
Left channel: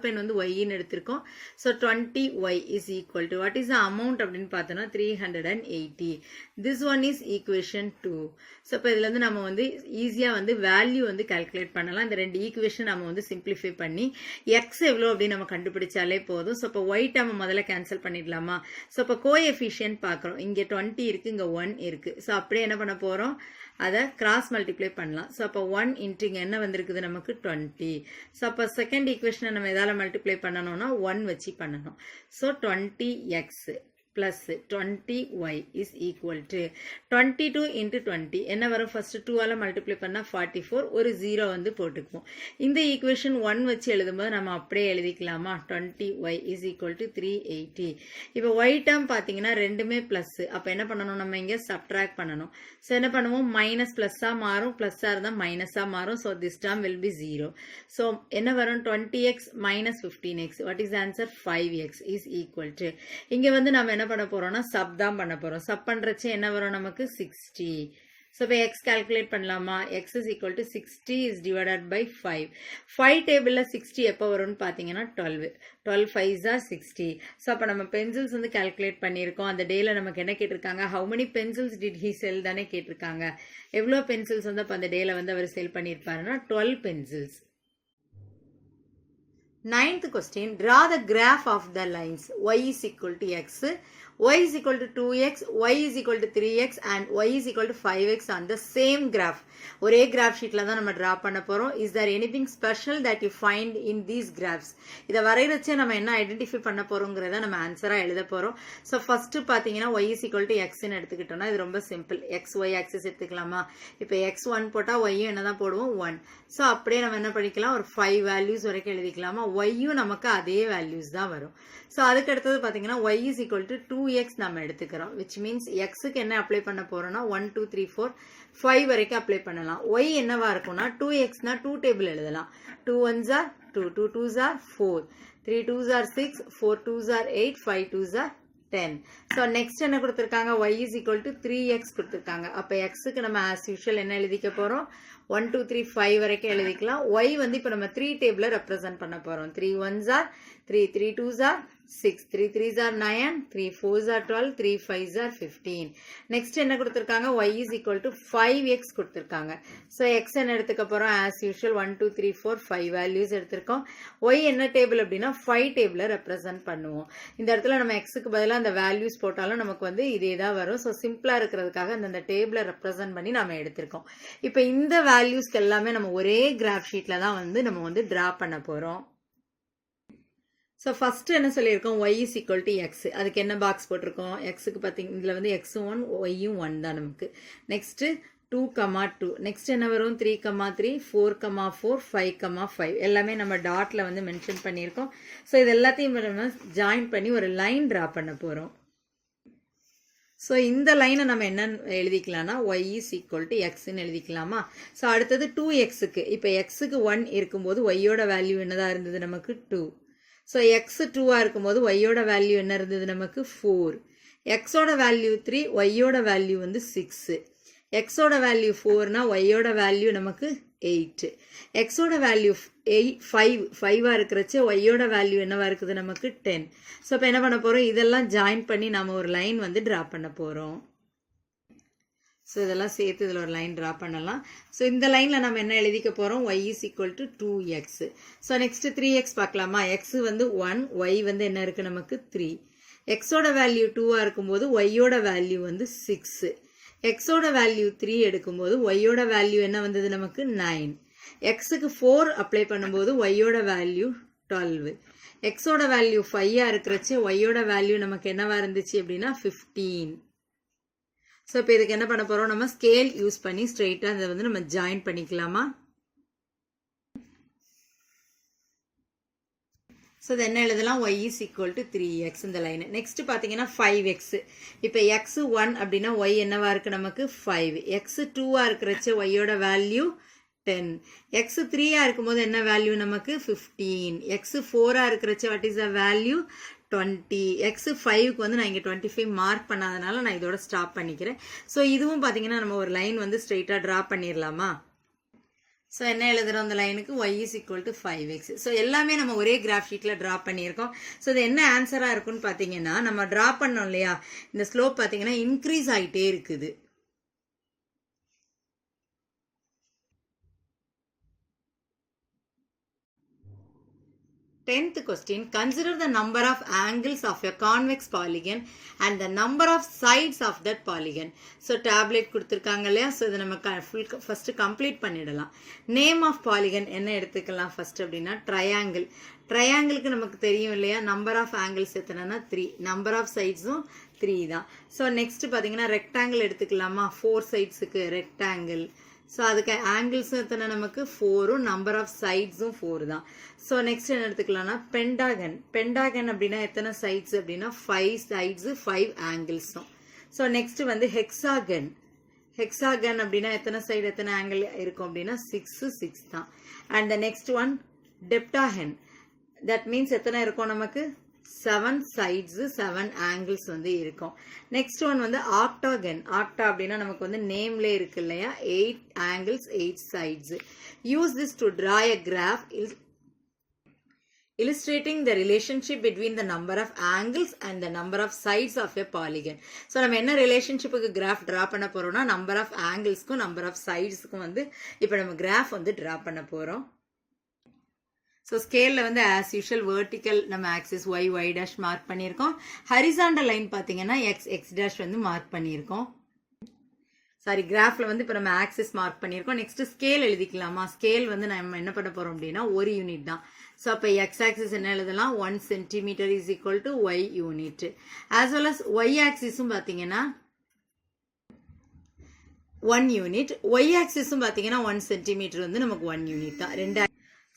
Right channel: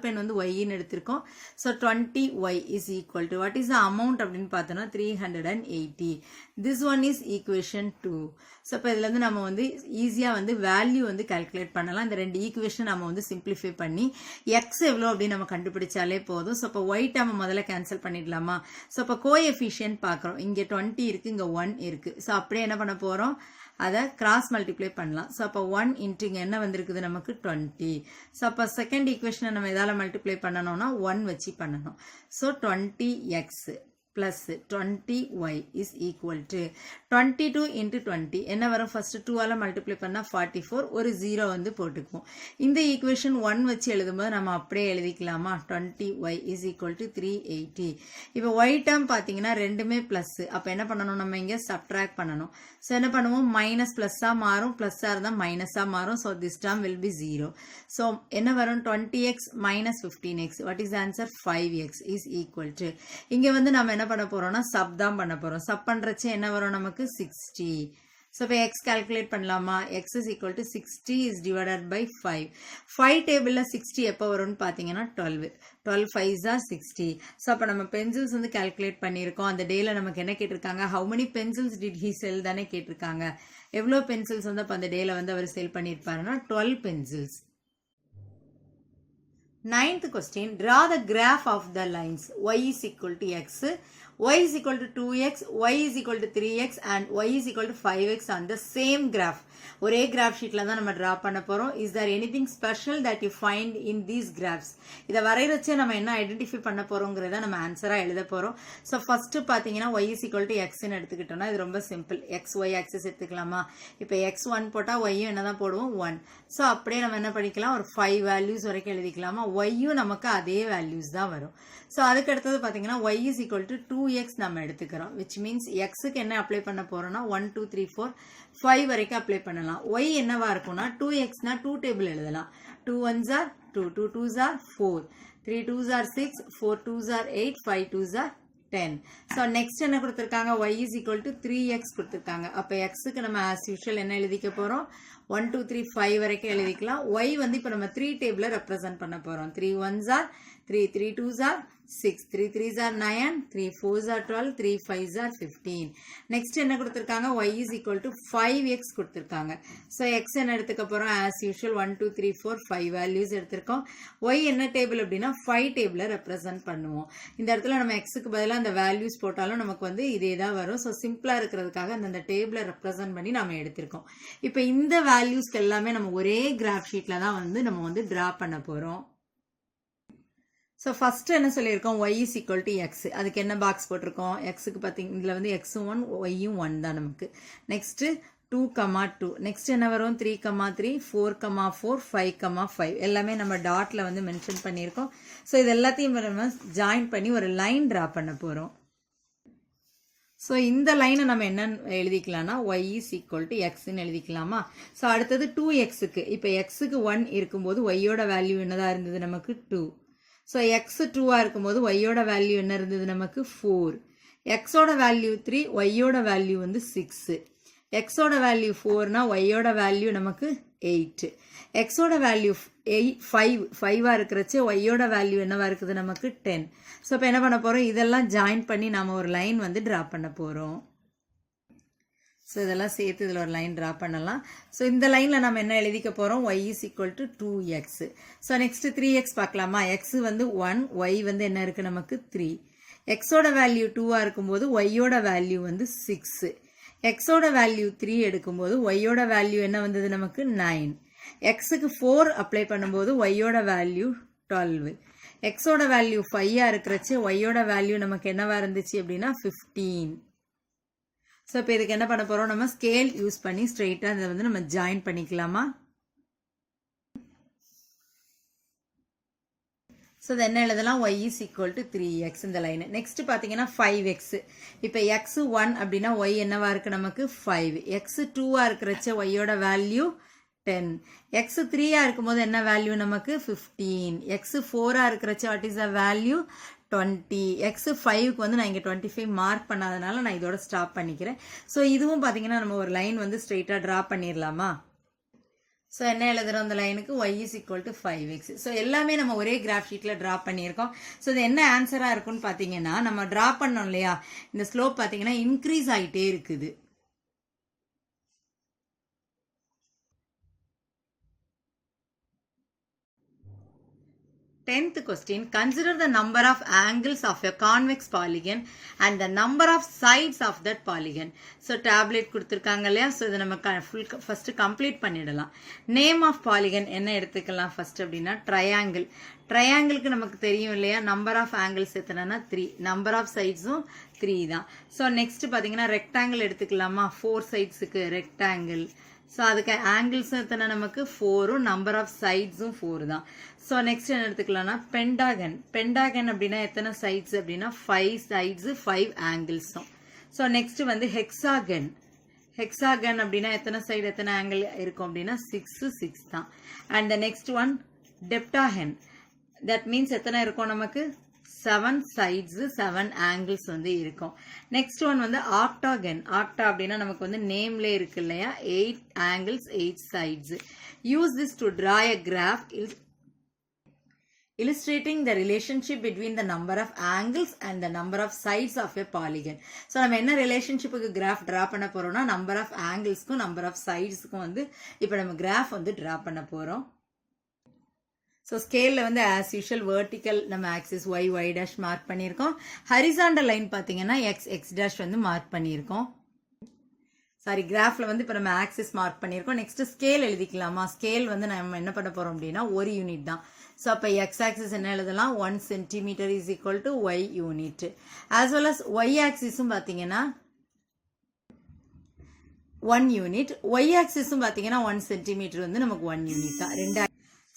பென் வந்து ஒய்ன்னு எடுத்திருக்கோம். So 20y is equal to what is the amount அப்படின்னு பார்த்தோன்னா 380. This one is equation 2. So இப்போ இதுல இருந்து நம்ம வந்து ஈஸியாக வந்து வேல்யூ வந்து கால்குலேட் பண்ணலாம். இந்த ரெண்டு ஈக்குவேஷன் நம்ம வந்து சிம்பிளிஃபை பண்ணி எக்ஸ் எவ்வளோ அப்படின்னு நம்ம கண்டுபிடிச்சாலே போதும். ஸோ இப்போ ஒய் டேர்ம் முதல்ல கேன்சல் பண்ணிடலாமா? ஸோ இப்போ கோஎஃபிஷியன்ட் பார்க்குறோம். இங்கே 20 இருக்கு, இங்கே 1 இருக்கு. ஸோ அப்படியே என்ன பண்ண போறோம்? அதை கிராஸ் மல்டிப்ளை பண்ணலாம். ஸோ அப்போ 1 இன்ட்டு இங்கே என்ன வந்திருக்குது நமக்கு 20. ஸோ அப்போ செகண்ட் ஈக்குவேஷனை நம்ம எதால மல்டிப்ளை பண்ணணும்னா 1 வச்சு பண்ணணும். So 20x plus 20y is equal to 22 into 20 என்ன வரும்? ஃபர்ஸ்ட் 2 ஆல மல்டிப்ளை பண்ணா 44, ஒரு 0 வந்து போட்டுக்குவோம். இந்த ஈக்குவேஷன் 1 வச்சு எழுதும்போது நம்ம அப்படியே எழுதிக்கலாமா? 20y is equal to 380. இப்போ y டேர்ம் பார்த்தீங்கன்னா ரெண்டுமே பிளஸ். அப்போ என்ன பண்ணணும்? நம்ம இங்கே சப்ட்ராக்ட் பண்ணணும். ஸோ என்ன பண்ணுவோம்? மைனஸ் பிளஸ்ஸாக மாறும், பிளஸ்ஸாக இருந்தால் மைனஸாக மாறும். So this term will be 0. So என்ன வரும்? 20x minus 15x. What is answer? 5x is equal to இங்கே வந்து நம்ம என்ன பண்ண போறோம்னா சப் தான் பண்ண போறோம். சப் பண்றச்சே என்ன வரும் நமக்கு? 60. So இப்போ x calculate பண்ணலாமா? x is equal to 60 is divided by 5. 5 டேபிள்ல 60 எப்போ வரும்னு பார்த்தீங்கன்னா 12. 12 5s are 60. ஸோ அப்போ நம்ம பென்சில்ஸ் வந்து கால்குலேட் பண்ணியிருக்கோம். அந்த டேல நமக்கு என்ன கேட்டிருக்காங்க? How many pencils did he sell தானே கேட்டிருக்காங்க. எவ்வளோ பென்சில்ஸ் வந்து அப்போ அந்த டேல வந்து அவர் செல் பண்ணியிருப்பாருன்னா 12 pencils. Ninth question, draw the graph of the lines y is equal to x, y is equal to 2x, y is equal to 3x and y is equal to 5x on the same graph. ஒரே graph ஷீட்ல தான் நம்ம draw பண்ண போறோம். Is there anything special that you find in these graphs? இத வரையறச்சே நம்ம என்ன identify பண்ண போறோம்ங்கறத நம்ம ஆன்சரா எழுத போறோம். சோ ஃபர்ஸ்ட் பாத்தீங்கன்னா y is equal to x ன்னு எடுத்துக்கிட்டோம்னா இது ரொம்ப சிம்பிள். xy ஆக்சிஸ் எடுத்துக்கலாமா? இப்போ x1 போட்டா y யும் என்னதான் போடுவோம்? 1. சோ அப்படியே நம்ம என்ன பண்ணிக்கலாம்? ஒரு 5 வேல்யூஸ் வரைக்கும் எழுதிக்கலாமா? y யும் நமக்கு அதே வேல்யூஸ் தான் வரும். சோ அதுக்கு அடுத்தது பாத்தீங்கன்னா y is equal to 2x நம்ம எடுத்துக்கிறோம். which means x க்கு என்ன அப்ளை பண்ண போறோம்னா 1 2 3 4 5 வரைக்கும் அப்ளை பண்ணலாம். y என்னவா இருக்கும்னா 2x னா 2 டேபிள் எழுதலாம். 2 1s are 2, 2 2s are 4, 3 2s are 6, 4 2s are 8, 5 2s are 10. So next என்ன கொடுத்திருக்காங்க? y is equal to 3x கொடுத்திருக்காங்க. அப்ப x க்கு நம்ம as usual என்ன எழுதிக்க போறோம்? 1 2 3 5 வரைக்கும் எழுதிக்கலாம். y வந்து இப்ப நம்ம 3 டேபிள ரெப்ரசன்ட் பண்ண போறோம். 3 1s are 3, 3 2s are 6, 3 3s are 9, 3 4s are 12, 3 5s are 15. Next என்ன கொடுத்திருக்காங்க? y is equal to 5x கொடுத்திருக்காங்க. So x என்ன எடுத்துக்க போறோம்? as usual 1 2 3 4 5 வேல்யூஸ் எடுத்திருக்கோம். y என்ன டேபிள் அப்படின்னா 5 டேபிள ரெப்ரசன்ட் பண்ணுவோம். இந்த இடத்துல நம்ம x க்கு பதிலா அந்த வேல்யூஸ் போட்டாலும் நமக்கு வந்து இதே தான் வரும். சோ சிம்பிளா இருக்கிறதுக்காக அந்த டேபிள ரெப்ரசன்ட் பண்ணி நாம எடுத்திருக்கோம். இப்போ இந்த வேல்யூஸ்க்கு எல்லாமே நம்ம ஒரே கிராஃப் ஷீட்ல தான் வந்து நம்ம வந்து டிரா பண்ண போறோம். So first என்ன சொல்லியிருக்கோம்? y is equal to x. அதுக்கு என்ன பாக்ஸ் போட்டிருக்கோம்? x க்கு பாத்தீங்க இதுல வந்து x 1 y 1 தான் நமக்கு. நெக்ஸ்ட் 2, 2. நெக்ஸ்ட் என்ன வரும்? 3, 3, 4, 4, 5, 5 எல்லாமே நம்ம டாட்ல வந்து மென்ஷன் பண்ணியிருக்கோம். ஸோ இது எல்லாத்தையும் நம்ம ஜாயின் பண்ணி ஒரு லைன் டிரா பண்ண போறோம். ஸோ இந்த லைனை நம்ம என்ன எழுதிக்கலாம்னா y is equal to x ன்னு எழுதிக்கலாமா? ஸோ அடுத்தது 2xக்கு இப்போ xக்கு 1 இருக்கும்போது y-யோட வேல்யூ என்னதான் இருந்தது நமக்கு? 2. ஸோ எக்ஸ் 2ஆக இருக்கும்போது ஒய்யோட வேல்யூ என்ன இருந்தது நமக்கு? 4. எக்ஸோட வேல்யூ 3, ஒய்யோட வேல்யூ வந்து 6. எக்ஸோட வேல்யூ 4னா ஒய்யோட வேல்யூ நமக்கு 8. எக்ஸோட வேல்யூ 5ஆக இருக்கிறச்சு ஒய்யோட வேல்யூ என்னவா இருக்குது நமக்கு? 10. ஸோ இப்போ என்ன பண்ண போகிறோம்? இதெல்லாம் ஜாயின் பண்ணி நம்ம ஒரு லைன் வந்து ட்ரா பண்ண போகிறோம். ஸோ இதெல்லாம் சேர்த்து இதில் ஒரு லைன் ட்ரா பண்ணலாம். ஸோ இந்த லைனில் நம்ம என்ன எழுதிக்க போகிறோம்? y is equal to 2x. So next 3x பார்க்கலாமா? x வந்து 1, y வந்து என்ன இருக்குது நமக்கு? 3. எக்ஸோட வேல்யூ 2ஆக இருக்கும்போது ஒய்யோட வேல்யூ வந்து 6. எக்ஸோட வேல்யூ 3 எடுக்கும்போது ஒய்யோட வேல்யூ என்ன வந்தது நமக்கு? 9. எக்ஸுக்கு 4 அப்ளை பண்ணும்போது ஒய்யோட வேல்யூ 12. எக்ஸோட வேல்யூ 5ஆக இருக்கிறச்சு ஒய்யோட வேல்யூ நமக்கு என்னவா இருந்துச்சு அப்படின்னா 15. ஸோ இப்போ இதுக்கு என்ன பண்ண போகிறோம்? நம்ம ஸ்கேல் யூஸ் பண்ணி ஸ்ட்ரெயிட்டாக இதை வந்து நம்ம ஜாயின் பண்ணிக்கலாமா? ஸோ இது என்ன எழுதலாம்? y is equal to 3x இந்த லைன். நெக்ஸ்ட் பார்த்தீங்கன்னா 5x. இப்போ x 1 அப்படின்னா y என்னவா இருக்கு நமக்கு? 5. x 2ஆக இருக்கிறச்ச ஒய்யோட வேல்யூ 10. x 3 இருக்கும்போது என்ன வேல்யூ நமக்கு 15. x 4 இருக்கிறச்ச what is the value 20. x 5க்கு வந்து நான் இங்கே 25 மார்க் பண்ணாதனால நான் இதோட ஸ்டாப் பண்ணிக்கிறேன். ஸோ இதுவும் பார்த்தீங்கன்னா நம்ம ஒரு லைன் வந்து ஸ்ட்ரெயிட்டாக ட்ரா பண்ணிடலாமா? ஸோ என்ன எழுதுறோம் அந்த லைனுக்கு y is equal to 5x. So எல்லாமே நம்ம ஒரே கிராஃப் ஷீட்டில் ட்ரா பண்ணியிருக்கோம். ஸோ இது என்ன ஆன்சராக இருக்குன்னு பார்த்தீங்கன்னா நம்ம ட்ரா பண்ணோம் இல்லையா, இந்த ஸ்லோப் பார்த்தீங்கன்னா இன்க்ரீஸ் ஆகிட்டே இருக்குது. Tenth question, consider the number of angles of a convex polygon and the number of sides of that polygon. So tablet கொடுத்திருக்காங்க இல்லையா, ஸோ இதை நம்ம ஃபர்ஸ்ட் கம்ப்ளீட் பண்ணிடலாம். நேம் ஆஃப் பாலிகன் என்ன எடுத்துக்கலாம் ஃபர்ஸ்ட் அப்படின்னா ட்ரையாங்கிள். ட்ரையாங்கிளுக்கு நமக்கு தெரியும் இல்லையா, நம்பர் ஆஃப் ஆங்கிள்ஸ் எத்தனைன்னா 3, நம்பர் ஆஃப் சைட்ஸும் 3 தான். ஸோ நெக்ஸ்ட் பார்த்தீங்கன்னா ரெக்டாங்கிள் எடுத்துக்கலாமா, 4 சைட்ஸுக்கு ரெக்டாங்கிள். ஸோ அதுக்கு ஆங்கிள்ஸும் எத்தனை நமக்கு 4, நம்பர் ஆஃப் சைட்ஸும் 4 தான். ஸோ நெக்ஸ்ட் என்ன எடுத்துக்கலாம்னா பென்டாகன். பென்டாகன் அப்படின்னா எத்தனை சைட்ஸ் அப்படின்னா 5 சைட்ஸு 5 ஆங்கிள்ஸும். ஸோ நெக்ஸ்ட் வந்து ஹெக்ஸாகன். ஹெக்ஸாகன் அப்படின்னா எத்தனை சைடு எத்தனை ஆங்கிள் இருக்கும் அப்படின்னா 6 தான். And the next one heptagon. That means எத்தனை இருக்கும் நமக்கு 7 சைட்ஸ் 7 ஆங்கிள்ஸ் வந்து இருக்கும். நெக்ஸ்ட் ஒன் வந்து ஆக்டாகன். ஆக்டா அப்படின்னா நமக்கு வந்து நேம்லே இருக்கு இல்லையா, 8 angles 8 sides. Use this to draw a graph illustrating the relationship between the number of angles and the number of sides of a polygon. So நம்ம என்ன ரிலேஷன்ஷிப்புக்கு கிராஃப் டிரா பண்ண போறோம்னா நம்பர் ஆஃப் ஆங்கிள்ஸ்க்கும் நம்பர் ஆஃப் சைட்ஸ்க்கும் வந்து இப்போ நம்ம graph வந்து draw பண்ண போறோம். ஸோ ஸ்கேலில் வந்து ஆஸ் யூஷுவல் வெர்டிக்கல் நம்ம ஆக்சிஸ் y டேஷ் மார்க் பண்ணியிருக்கோம். ஹரிசாண்டல் லைன் பார்த்தீங்கன்னா x டேஷ் வந்து மார்க் பண்ணியிருக்கோம். சாரி, கிராஃபில் வந்து இப்போ நம்ம ஆக்சிஸ் மார்க் பண்ணியிருக்கோம். நெக்ஸ்ட் ஸ்கேல் எழுதிக்கலாமா? ஸ்கேல் வந்து நம்ம என்ன பண்ண போறோம் அப்படின்னா ஒரு யூனிட் தான். ஸோ அப்போ எக்ஸ் ஆக்சிஸ் என்ன எழுதலாம், 1 centimetre is equal to Y unit. As well as Y ஆக்சிஸும் பார்த்தீங்கன்னா 1 யூனிட். ஒய் ஆக்சிஸும் பார்த்தீங்கன்னா 1 சென்டிமீட்டர் வந்து நமக்கு 1 யூனிட் தான். 2.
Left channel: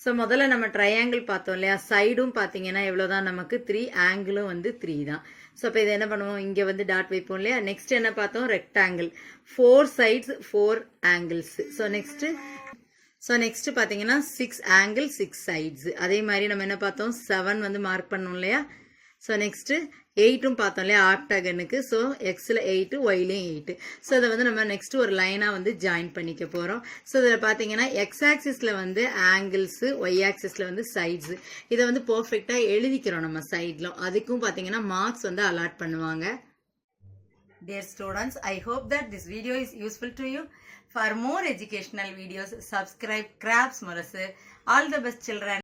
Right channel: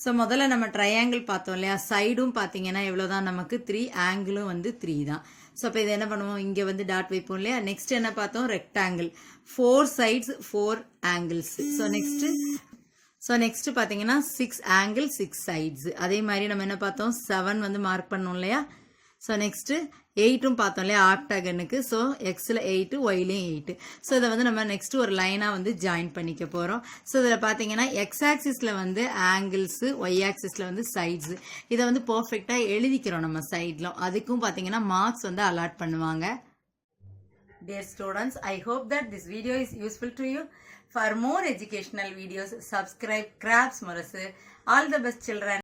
ஸோ முதல்ல நம்ம ட்ரையாங்கிள் பார்த்தோம் இல்லையா, சைடும் பார்த்தீங்கன்னா எவ்வளோதான் நமக்கு 3, ஆங்கிளும் வந்து 3 தான். ஸோ இப்போ இது என்ன பண்ணுவோம், இங்கே வந்து டாட் வைப்போம் இல்லையா. நெக்ஸ்ட் என்ன பார்த்தோம், rectangle, 4 sides 4 angles. So next பார்த்தீங்கன்னா 6 ஆங்கிள் 6 சைட்ஸ். அதே மாதிரி நம்ம என்ன பார்த்தோம், 7 வந்து மார்க் பண்ணோம் இல்லையா. ஸோ நெக்ஸ்ட் 8ம் பார்த்தோம் இல்லையா ஆக்டாகனுக்கு. ஸோ எக்ஸில் 8, ஒய்லையும் 8. ஸோ இதை வந்து நம்ம நெக்ஸ்ட் ஒரு லைனாக வந்து ஜாயின் பண்ணிக்க போகிறோம். ஸோ இதில் பார்த்தீங்கன்னா எக்ஸ் ஆக்சிஸில் வந்து ஆங்கிள்ஸு, ஒய் ஆக்சிஸில் வந்து சைட்ஸு. இதை வந்து பர்ஃபெக்டாக எழுதிக்கிறோம் நம்ம சைடில். அதுக்கும் பார்த்தீங்கன்னா மார்க்ஸ் வந்து அலாட் பண்ணுவாங்க. Dear students, I hope that this video is useful to you. For more educational videos, subscribe Crafts Murasu. All the best children.